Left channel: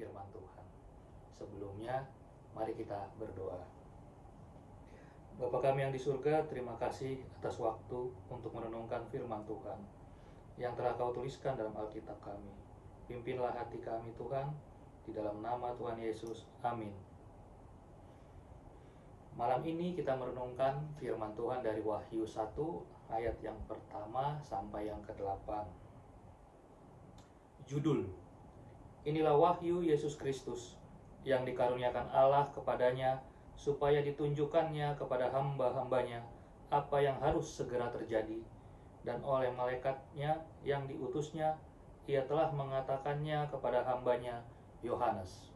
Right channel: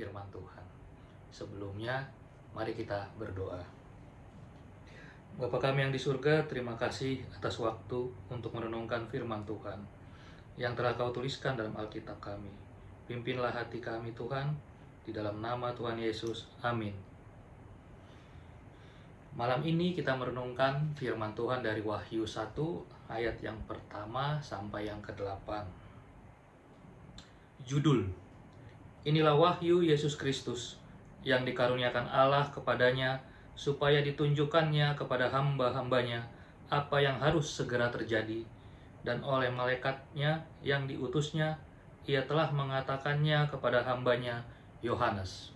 firman Tuhan. Sebelumnya, mari kita berdoa. Bapa kami yang di surga, terima kasih atas waktu untuk merenungkan firman Tuhan yang telah Kau tuliskan dalam Alkitab kami. Pimpinlah hati kami Tuhan, di dalam nama Tuhan Yesus. Amin. Malam ini kita merenungkan firman Tuhan dari Wahyu 1 ayat yang pertama sampai yang ke-8. Judul: Inilah wahyu Yesus Kristus yang dikaruniakan Allah kepadanya, supaya ditunjukkannya kepada hamba-hambanya apa yang harus segera terjadi, dan oleh malaikatnya yang diutusnya, ia telah mengatakannya kepada hambanya Yohanes.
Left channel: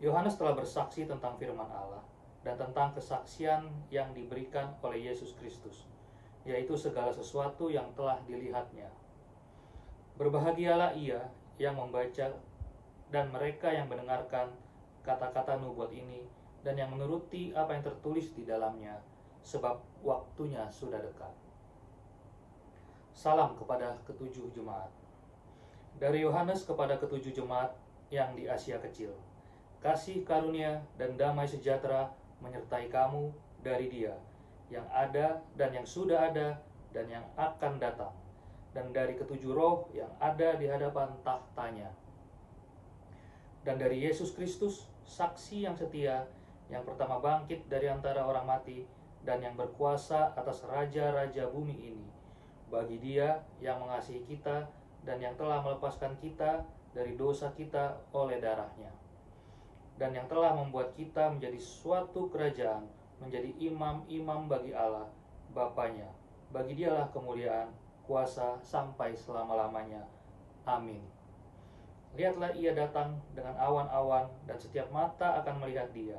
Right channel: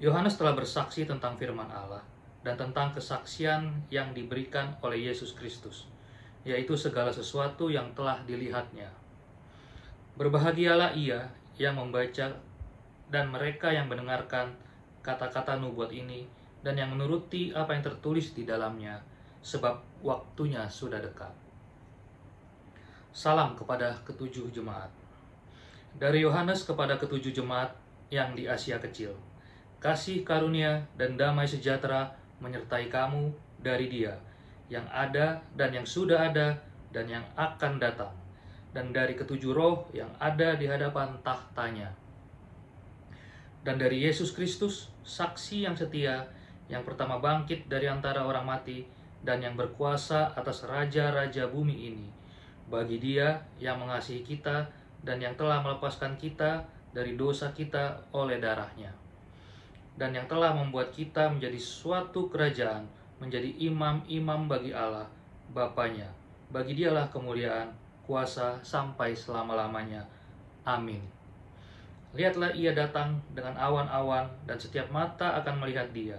Yohanes telah bersaksi tentang firman Allah dan tentang kesaksian yang diberikan oleh Yesus Kristus, yaitu segala sesuatu yang telah dilihatnya. Berbahagialah ia yang membaca dan mereka yang mendengarkan kata-kata nubuat ini dan yang menuruti apa yang tertulis di dalamnya, sebab waktunya sudah dekat. Salam kepada ketujuh jemaat. Dari Yohanes kepada ketujuh jemaat yang di Asia Kecil. Kasih karunia dan damai sejahtera menyertai kamu dari Dia, yang ada dan yang sudah ada dan yang akan datang, dan dari ketujuh roh yang ada di hadapan tahtanya, dan dari Yesus Kristus, saksi yang setia, yang pertama bangkit dari antara orang mati, dan yang berkuasa atas raja-raja bumi ini, bagi Dia yang mengasihi kita dan yang telah melepaskan kita dari dosa kita oleh darah-Nya, dan yang telah membuat kita menjadi suatu kerajaan, menjadi imam-imam bagi Allah Bapa-Nya. Bagi Dialah kemuliaan, kuasa sampai selama-lamanya. Amin. Lihatlah, ia datang dengan awan-awan, dan setiap mata akan melihat Dia,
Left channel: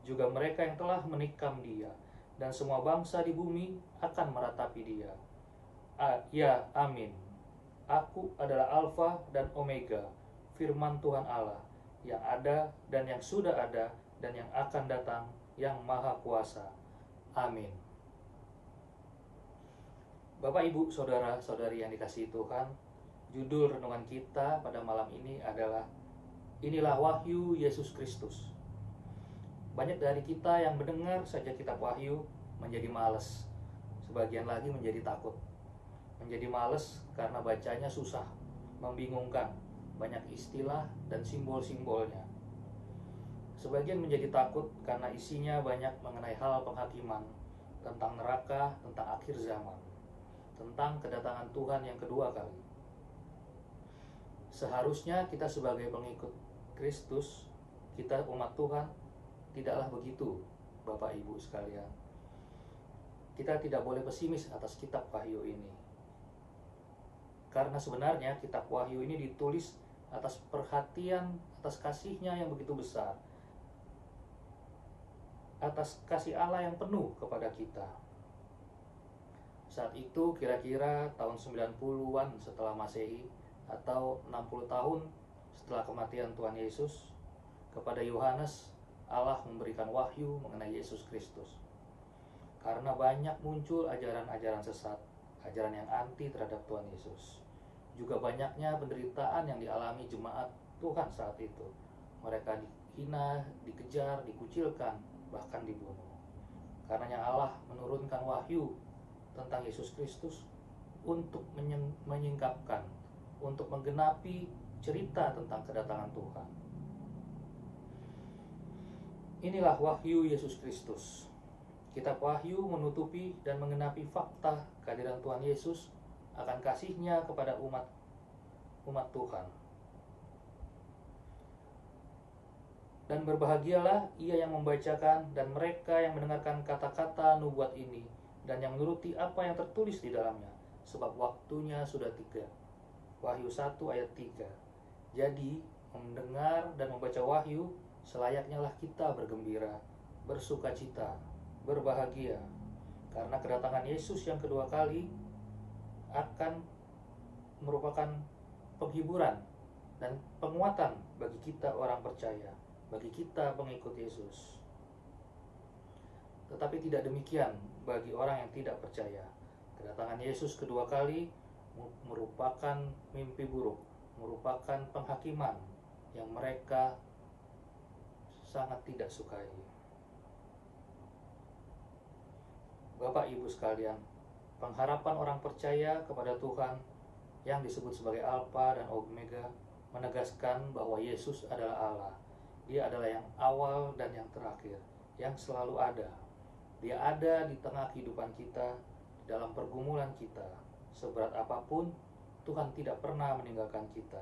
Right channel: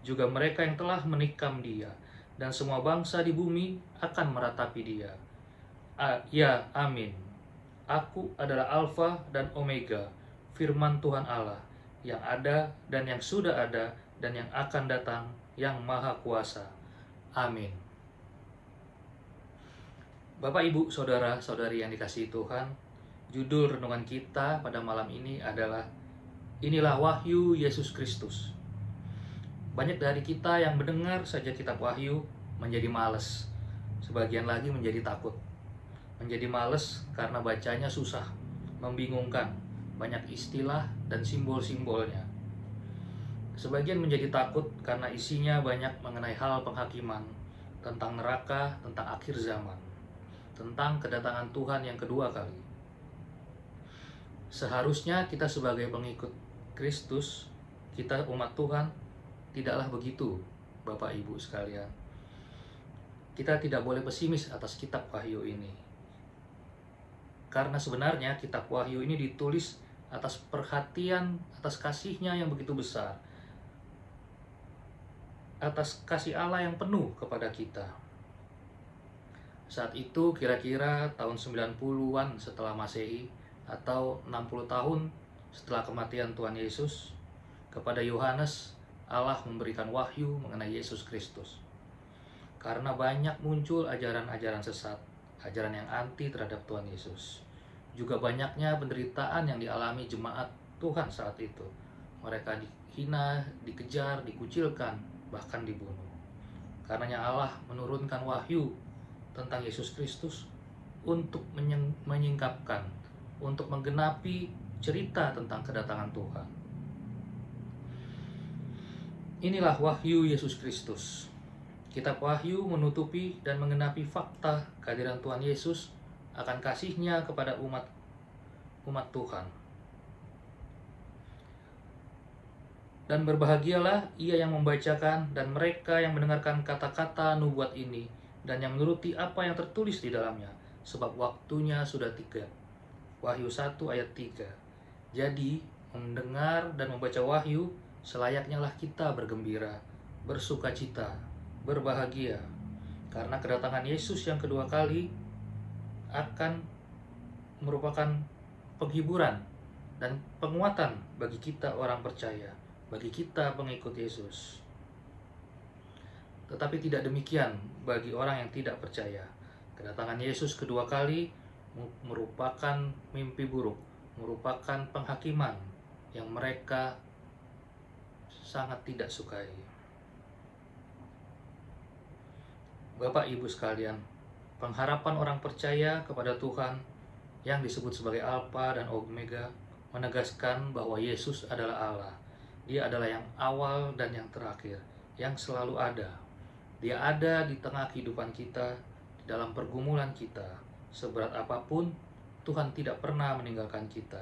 juga mereka yang telah menikam Dia, dan semua bangsa di bumi akan meratapi Dia. Ya, amin. Aku adalah Alfa dan Omega, firman Tuhan Allah, yang ada dan yang sudah ada dan yang akan datang, yang Maha Kuasa. Amin. Bapak, Ibu, Saudara-saudari yang dikasihi Tuhan, judul renungan kita pada malam ini adalah Inilah Wahyu Yesus Kristus. Banyak dari kita yang mendengar saja kitab Wahyu menjadi malas, sebagian lagi menjadi takut. Menjadi malas karena bacanya susah, membingungkan, banyak istilah dan simbol-simbolnya. Sebagian menjadi takut karena isinya banyak mengenai hal penghakiman, tentang neraka, tentang akhir zaman, tentang kedatangan Tuhan yang kedua kali. Seharusnya kita sebagai pengikut Kristus, kita umat Tuhan, tidaklah begitu, Bapak Ibu sekalian. Kita tidak boleh pesimis atas kitab Wahyu ini. Karena sebenarnya kitab Wahyu ini ditulis atas perhatian, atas kasih-Nya yang begitu besar, atas kasih Allah yang penuh kepada kita. Saat itu kira-kira tahun 90-an setelah Masehi, atau 60 tahun setelah kematian Tuhan Yesus, kepada Yohanes Allah memberikan wahyu mengenai Yesus Kristus. Karena banyak muncul ajaran-ajaran sesat, ajaran yang anti terhadap Tuhan Yesus. Juga banyaknya penderitaan yang dialami jemaat Tuhan saat itu. Mereka dihina, dikejar, dikucilkan, bahkan dibunuh. Karenanya Allah menurunkan wahyu tentang Yesus Kristus untuk menyingkapkan, untuk menggenapi cerita tentang kedatangan Tuhan. Inilah wahyu Yesus Kristus. Kitab Wahyu menutupi dan menggenapi fakta kehadiran Tuhan Yesus akan kasih-Nya kepada umat Tuhan. Dan berbahagialah ia yang membacakan dan mereka yang mendengarkan kata-kata nubuat ini, dan yang menuruti apa yang tertulis di dalamnya, sebab waktunya sudah tiba. Wahyu 1 ayat 3. Jadi, mendengar dan membaca Wahyu, selayaknya lah kita bergembira, bersukacita, berbahagia, karena kedatangan Yesus yang kedua kali akan merupakan penghiburan dan penguatan bagi kita orang percaya, bagi kita pengikut Yesus. Tetapi tidak demikian bagi orang yang tidak percaya. Kedatangan Yesus kedua kali merupakan mimpi buruk, merupakan penghakiman, yang mereka sangat tidak sukai. Bapak Ibu sekalian, pengharapan orang percaya kepada Tuhan yang disebut sebagai Alfa dan Omega menegaskan bahwa Yesus adalah Allah. Dia adalah yang awal dan yang terakhir, yang selalu ada. Dia ada di tengah kehidupan kita, di dalam pergumulan kita. Seberat apapun, Tuhan tidak pernah meninggalkan kita.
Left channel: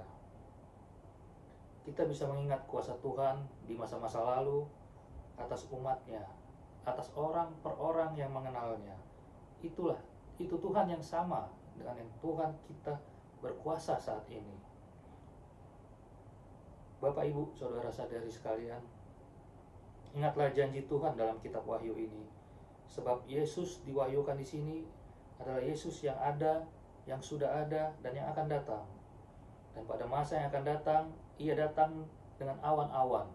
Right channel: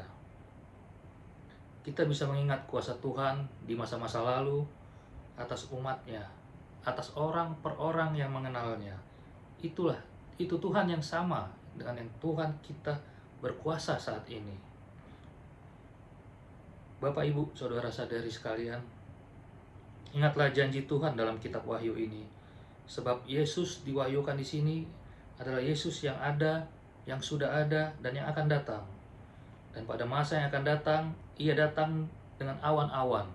Kita bisa mengingat kuasa Tuhan di masa-masa lalu atas umatnya, atas orang per orang yang mengenalnya. Itu Tuhan yang sama dengan yang Tuhan kita berkuasa saat ini. Bapak, Ibu, saudara-saudari sekalian, ingatlah janji Tuhan dalam kitab Wahyu ini. Sebab Yesus diwahyukan di sini adalah Yesus yang ada, yang sudah ada, dan yang akan datang. Dan pada masa yang akan datang, Ia datang dengan awan-awan,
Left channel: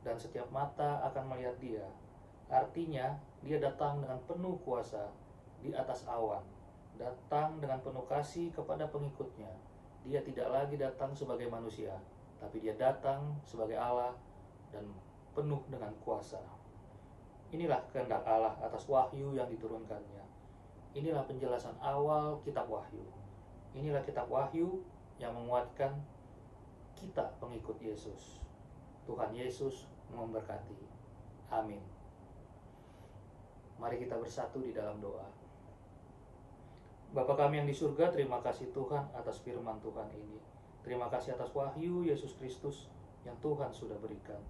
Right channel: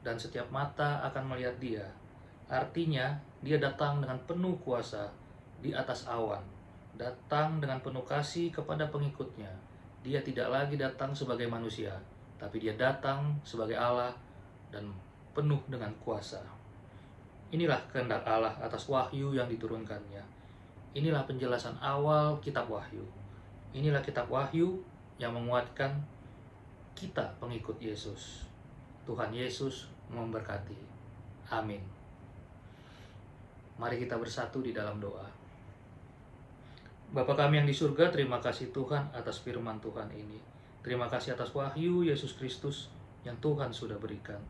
dan setiap mata akan melihat Dia. Artinya, Dia datang dengan penuh kuasa di atas awan, datang dengan penuh kasih kepada pengikutnya. Dia tidak lagi datang sebagai manusia, tapi Dia datang sebagai Allah dan penuh dengan kuasa. Inilah kehendak Allah atas wahyu yang diturunkannya. Inilah penjelasan awal kitab Wahyu. Inilah kitab Wahyu yang menguatkan kita pengikut Yesus. Tuhan Yesus memberkati. Amin. Mari kita bersatu di dalam doa. Bapa kami yang di surga, terima kasih Tuhan atas firman Tuhan ini. Terima kasih atas wahyu Yesus Kristus yang Tuhan sudah berikan.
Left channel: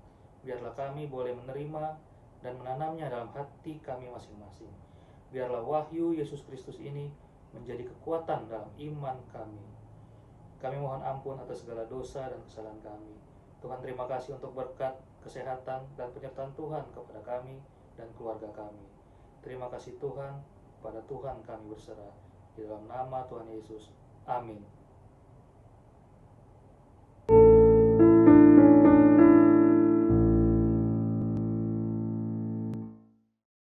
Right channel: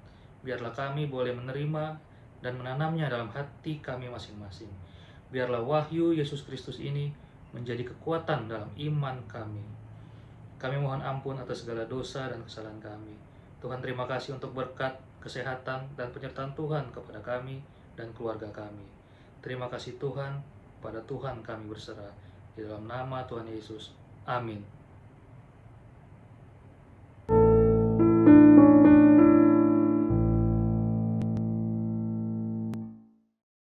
Biarlah kami boleh menerima dan menanamnya dalam hati kami masing-masing. Biarlah wahyu Yesus Kristus ini menjadi kekuatan dalam iman kami. Kami mohon ampun atas segala dosa dan kesalahan kami. Tuhan, terima kasih untuk berkat, kesehatan, dan penyertaan Tuhan kepada kami dan keluarga kami. Terima kasih Tuhan, pada Tuhan kami berserah. Di dalam nama Tuhan Yesus. Amin.